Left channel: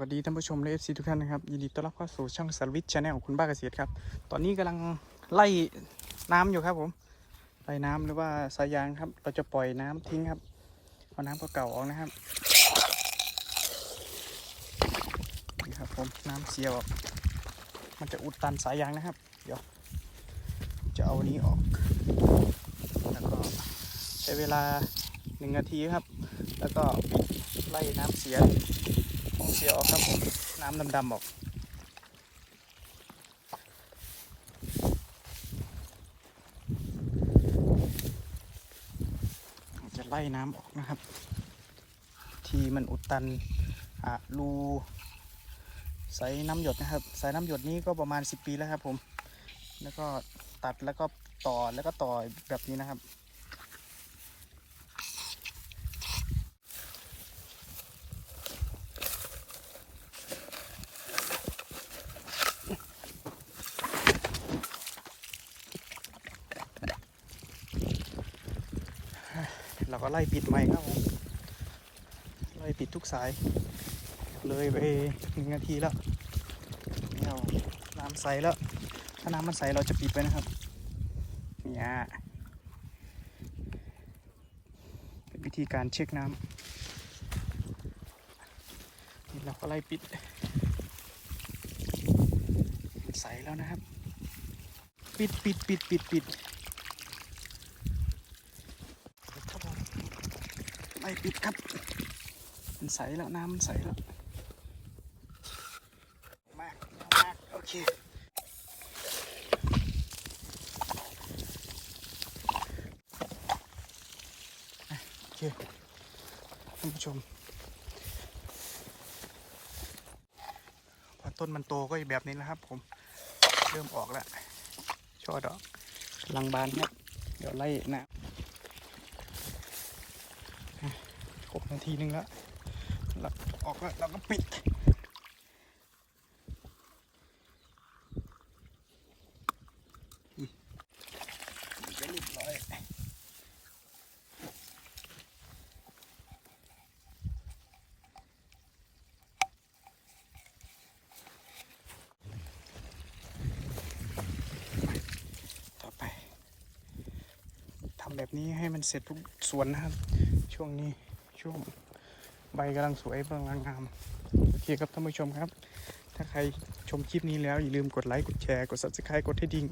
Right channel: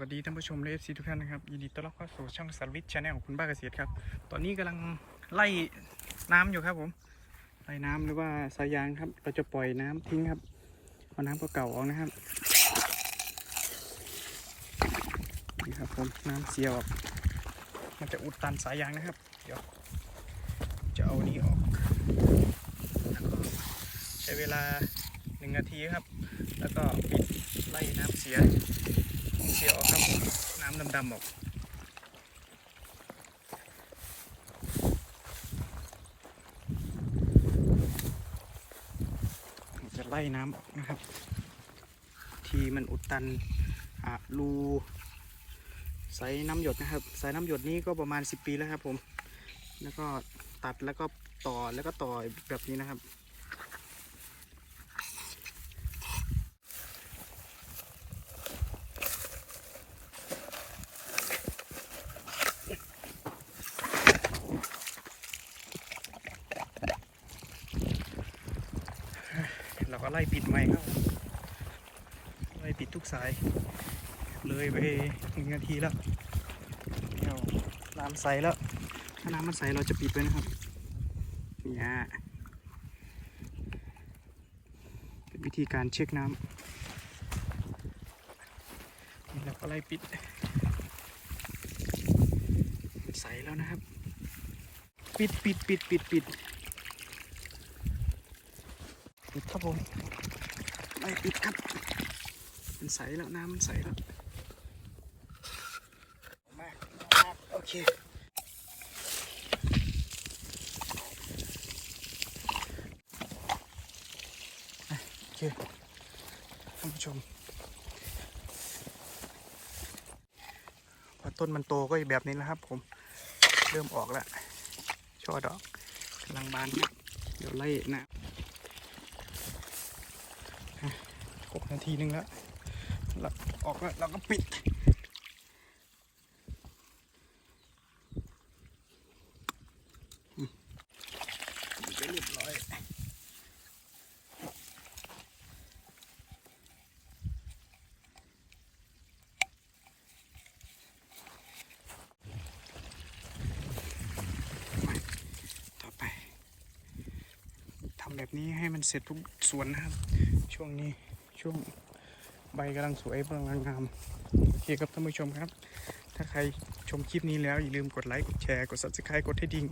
วัสดีท่านผู้ชมและเอฟซีทุกท่านนะครับ ยินดีต้อนรับเข้าสู่ช่องสวิทย์ชาแนลของคุณบ้าเกษตรครับ ตอนนี้กำลังไล่น้ำอยู่ครับผมไล่น้ำหรือว่าสายยางครับ เราจะปล่อยน้ำทิ้งครับเอาน้ำเก่าๆออกนะครับนี่ครับผมน้ำเสียออกมันจะอุดตันสายยางนะครับ เดี๋ยว จะเอานี้ออกแล้วก็ใช้เวลาหนึ่งนาทีครับ แล้วก็ปิดไล่น้ำเสีย เสียออกครับ น้ำดำๆออกจะไล่น้ำออกนะครับ ที่มันอุดตันอะรูใส่น้ำหยดนะครับ สายน้ำหยดนี้ก็ประมาณ 10 ปีแล้วครับผม แล้วก็ตัดแล้วก็ต่อแล้วก็ต่อแบบนี้นะครับ ก็ไล่ปิดใหม่ครับผมไล่ปิดทุกสาย เลยไปหนึ่งนาทีแล้วเนี่ยน้ำใสแล้ว ถ้าน้ำมันใสเราจะปิดไว้นะครับเนี่ยเป็นวิธีการเช็คน้ำนี่เราก็ไล่ปิดใสแล้วนะครับ ปิดปิดปิดปิดปิดปิดครับผม ไม่ปิดครับมันใสแล้วน้ำมันใสแล้วมากมากโอเคโอเคท่านผู้ชมพอต้นมันโตก็อีกแบบนี้แล้วครับผมเริ่มออกแล้วช่อดอกกำลังบานครับเดี๋ยวไล่นะ ครบนาทีนึงแล้วเราออกแล้วเราก็ปิด จะรีบร้อยต่อไปทำแบบนี้ให้มันเสร็จทุกส่วนนะครับ ช่วงนี้ ช่วงใบกำลังสวยกำลังงามโอเคครับท่านผู้ชมครับ ถ้าใครชมคลิปนี้แล้วอย่าลืมกดไลค์กดแชร์กด subscribe กดให้ดิ่ง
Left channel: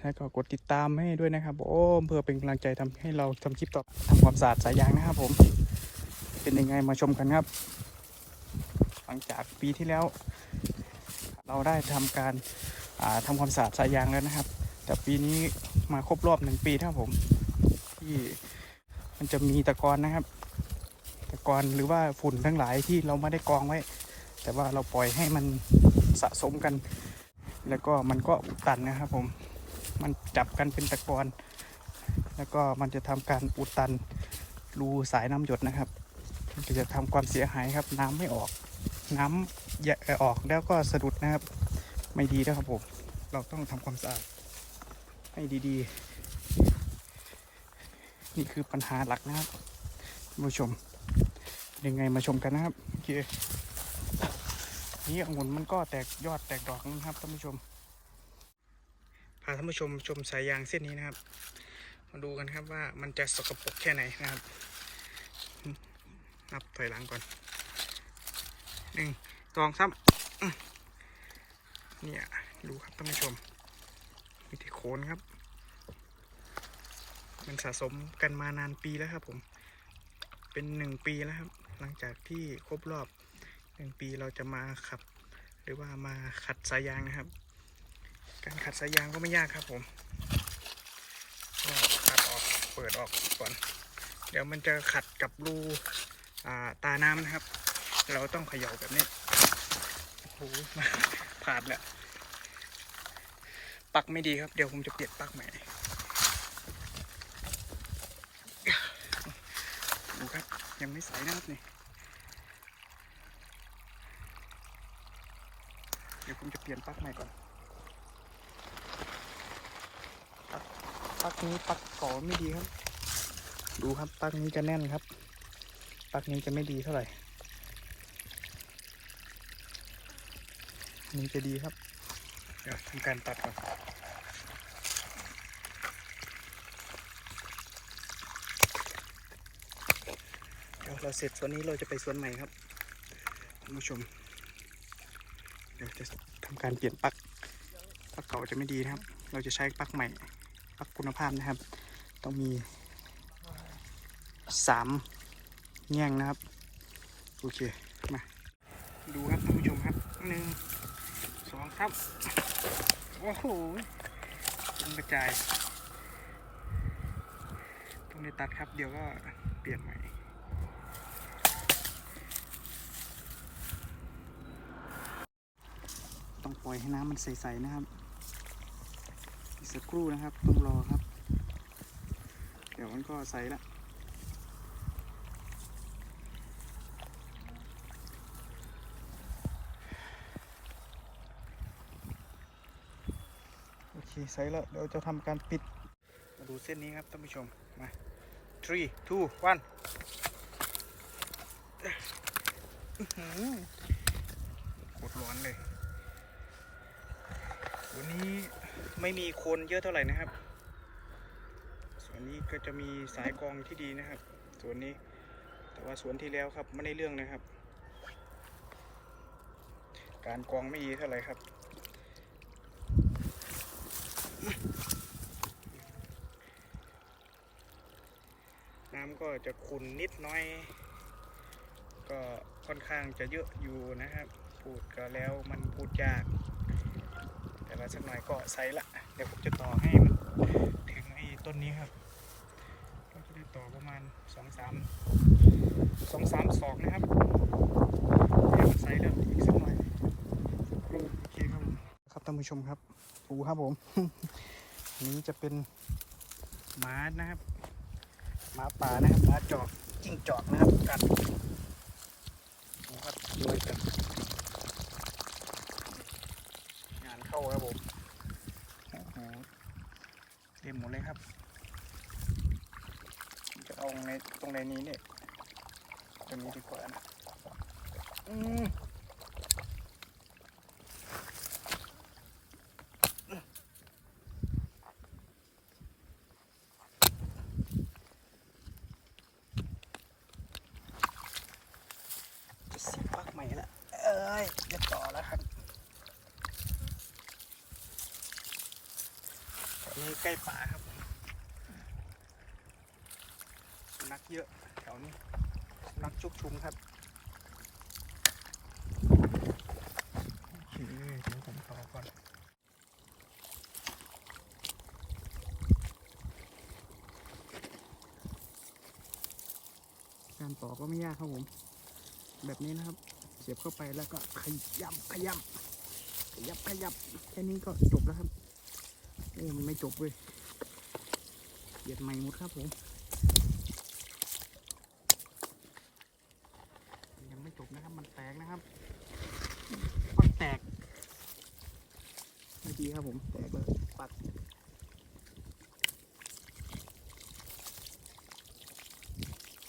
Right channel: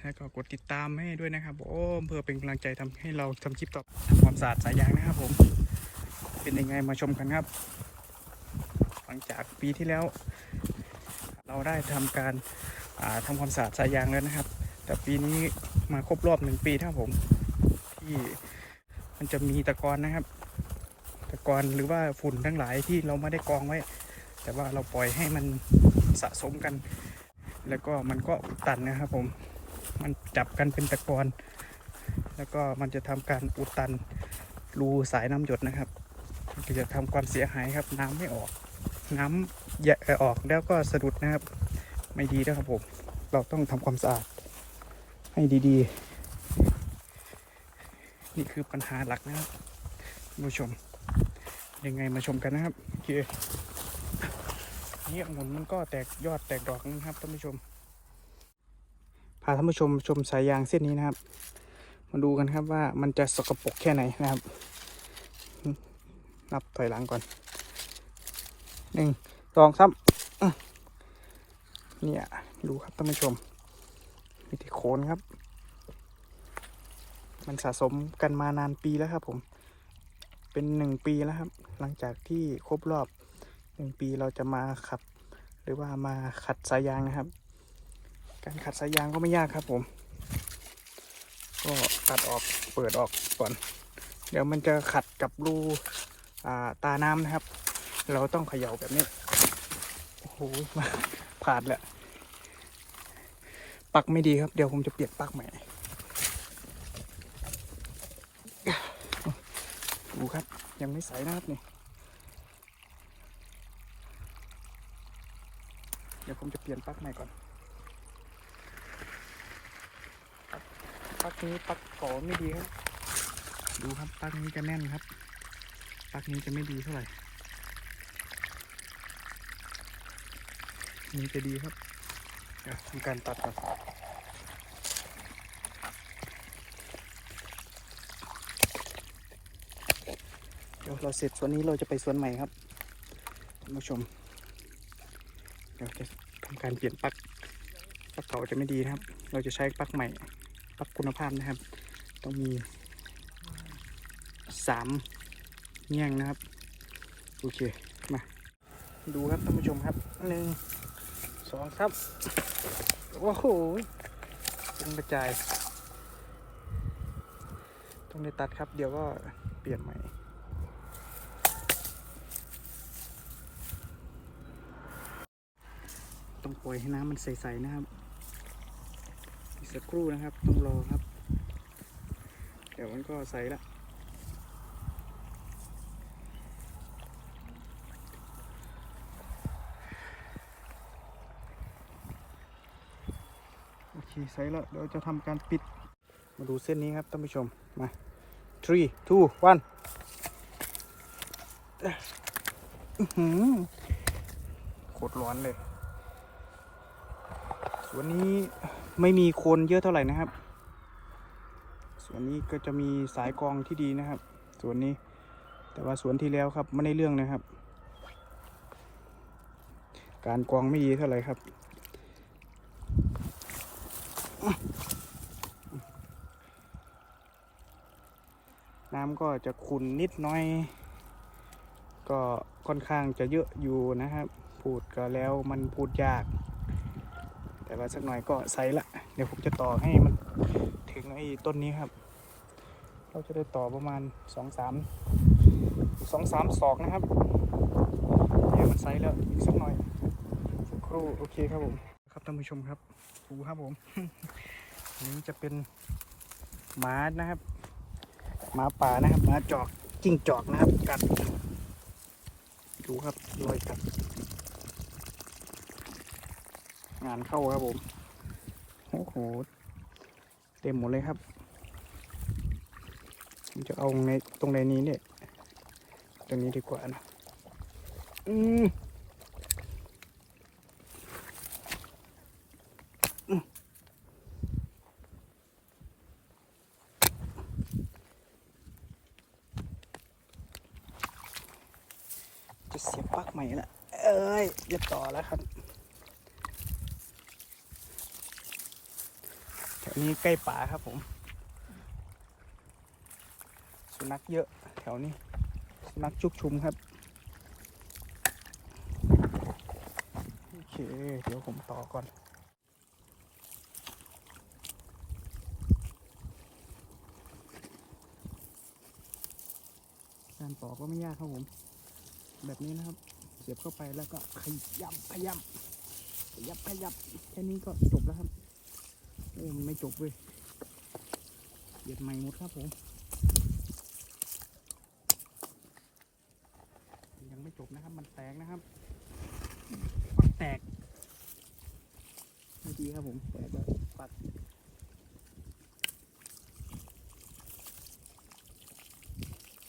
แล้วก็กดติดตามให้ด้วยนะครับผมเพื่อเป็นกำลังใจทำให้เราทำคลิปต่อทำความสะอาดสายยางนะครับผม เป็นยังไงมาชมกันครับ หลังจากปีที่แล้ว เราได้ทำการาทำความสะอาดสายยางแล้วนะครับ แต่ปีนี้มาครบรอบหนึ่งปีครับผมที่ มันจะมีตะกอนนะครับ ตะกอนหรือว่าฝุ่นทั้งหลายที่เราไม่ได้กองไว้ แต่ว่าเราปล่อยให้มันสะสมกัน แล้วก็มันก็อุดตันนะครับผม มันจับกันเป็นตะกอน แล้วก็มันจะทำการอุดตันรูสายน้ำหยดนะครับ มันจะทำความเสียหายครับ น้ำไม่ออก น้ำแยะออกแล้วก็สะดุดนะครับ ไม่ดีนะครับผม เราต้องทำความสะอาดให้ดีๆ นี่คือปัญหาหลักนะครับท่านผู้ชม ยังไงมาชมกันนะครับโอเคนี่องุ่นมันก็แตกยอดแตกดอกนะครับท่านผู้ชม พาท่านผู้ชมชมสายยางเส้นนี้นะครับ มาดูกันครับว่ามันจะสกปรกแค่ไหนนะครับ นับถอยหลังก่อนหนึ่งสองสามเนี่ยดูครับท่านผู้ชมมีแต่โคนครับ มันสะสมกันมานานปีแล้วครับผม เป็นหนึ่งปีแล้วครับ หลังจากที่ครบรอบหนึ่งปีเราจะมาขับ หรือว่ามาขัดสายยางนะครับ การขัดสายยางก็ไม่ยากครับผม ก็ขัดออกเปิดออกก่อน เดี๋ยวมันจะขัดกับรูาตาน้ำนะครับ เราต้องเขย่าแบบนี้ โอ้โหผ่านแล้วปักไม่ดีครับ เดี๋ยวผมจะเปลี่ยนปักใหม่ ดูครับ ยังไม่ใสนะครับนี่เดี๋ยวผมจะเปลี่ยนปลั๊กใหม่ก่อนปลั๊กปลั๊กนี้ปลั๊กก่อไม่ดีครับ ดูครับปลั๊กนี้จะแน่นครับปลั๊กนี้จะไม่ดีเท่าไหร่นี่จะดีครับเดี๋ยวทำการตัดก่อน ดี๋ยวเราเสร็จส่วนนี้เราจะไปส่วนใหม่ครับท่านผู้ชม เดี๋ยวจะทำการเปลี่ยนปลั๊กปลั๊กเก่าจะไม่ดีนะครับ เราจะใช้ปลั๊กใหม่ปลั๊กคุณภาพนะครับ ต้องมีสามแง่งนะครับ โอเค มา ดูครับท่านผู้ชมครับหนึ่งสองครับ โอ้โหเป็นกระจายต้องได้ตัดครับ เดี๋ยวก็เปลี่ยนใหม่ ต้องปล่อยให้น้ำมันใสๆนะครับอีกสักครู่นะครับ ต้องรอครับ เดี๋ยวมันก็ใสละโอเคใสแล้วเดี๋ยวจะทำการปิด มาดูเส้นนี้ครับท่านผู้ชมมา three two one อื้อหือโคตรร้อนเลย วันนี้ไม่มีคนเยอะเท่าไหร่นะครับ ส่วนนี้ก็จะมีสายกรองที่ดีนะครับ ส่วนนี้ แต่ว่าสวนที่แล้วครับไม่ได้เรื่องนะครับ การกรองไม่ดีเท่าไหร่ครับน้ำก็จะขุ่นนิดน้อย ก็ค่อนข้างจะเยอะอยู่นะครับ พูดก็แล้วมันพูดยาก แต่ว่าสักหน่อยก็ใส่ละ เดี๋ยวผมจะต่อให้มันถึงไอ้ต้นนี้ครับ เราจะได้ต่อประมาณสองสามสองสามศอกนะครับใส่แล้วอีกสักหน่อยสักครู่โอเคครับผมครับท่านผู้ชมครับดูครับผม นี้จะเป็นหมานะครับหมาป่านะครับหมาจอกจิ้งจอกนะครับกัดดูครับรอยกัด งานเข้าครับผมโอ้โหเต็มหมดเลยครับผมจะเอาในตรงในนี้เนี่ยตรงนี้ดีกว่านะอืมจะเสียบปลั๊กใหม่นะเอ้ยเรียบต่อแล้วครับ นี่ใกล้ป่าครับผมสุนัขเยอะแถวนี้สุนัขชุกชุมครับโอเคเดี๋ยวผมต่อก่อนการต่อก็ไม่ยากครับผม แบบนี้นะครับ เสียบเข้าไปแล้วก็ขยำขยำขยับขยับแค่นี้ก็จบแล้วครับ อ้มันไม่จบเว้ยเหยียดใหม่หมดครับผม ยังไม่จบนะครับ มันแตกนะครับปักแตกไม่ดีครับผม แตกแล้วปัก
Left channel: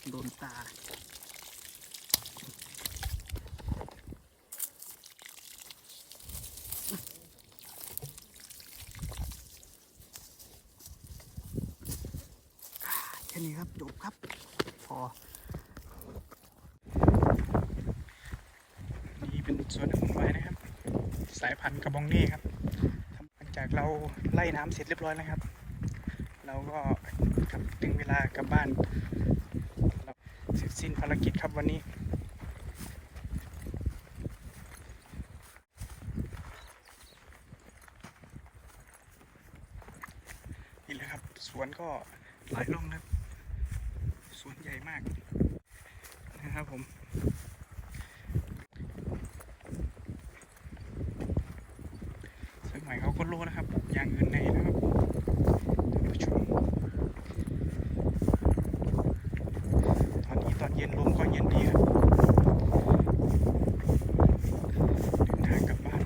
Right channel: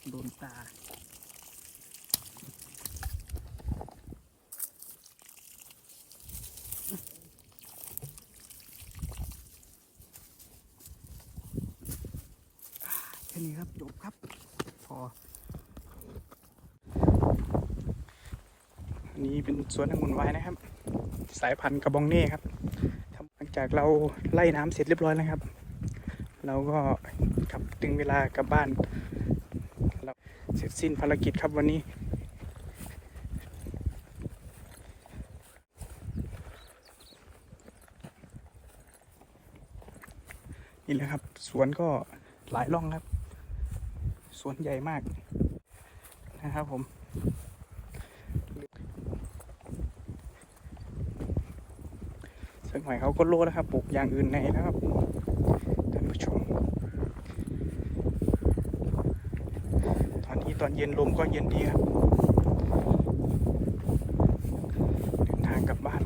โดนตา นี้ครับจบครับ พอ นี่เป็นอีกสวนหนึ่งของไว้นะครับ สายพันธุ์กระบองเน่ครับหลังจากเราไล่น้ำเสร็จเรียบร้อยแล้วครับ เราก็ถึงเวลากลับบ้านเราเสร็จสิ้นภารกิจครับวันนี้นี่แหละครับ สวนก็หลายร่องครับ สวนใหญ่มากนะครับผมสักหน่อยเขาก็รู้แล้วครับปลูกอย่างอื่นในนะครับท่านผู้ชมตอนนี้ตอนเย็นลมก็เย็นดีครับทางกลับบ้าน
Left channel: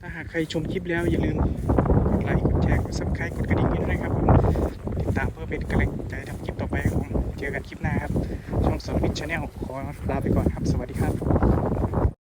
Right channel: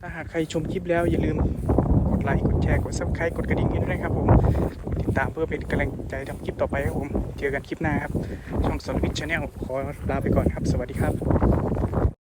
ถ้าหากใครชมคลิปแล้วอย่าลืม ไลค์กดแชร์กดซับสไครต์กดกระดิ่งนี้ด้วยนะครับผมติดตามเพื่อเป็นกำลังใจทำคลิปต่อไปครับผมเจอกันคลิปหน้าครับช่องสวิตชาแนลขอลาไปก่อนครับ สวัสดีครับ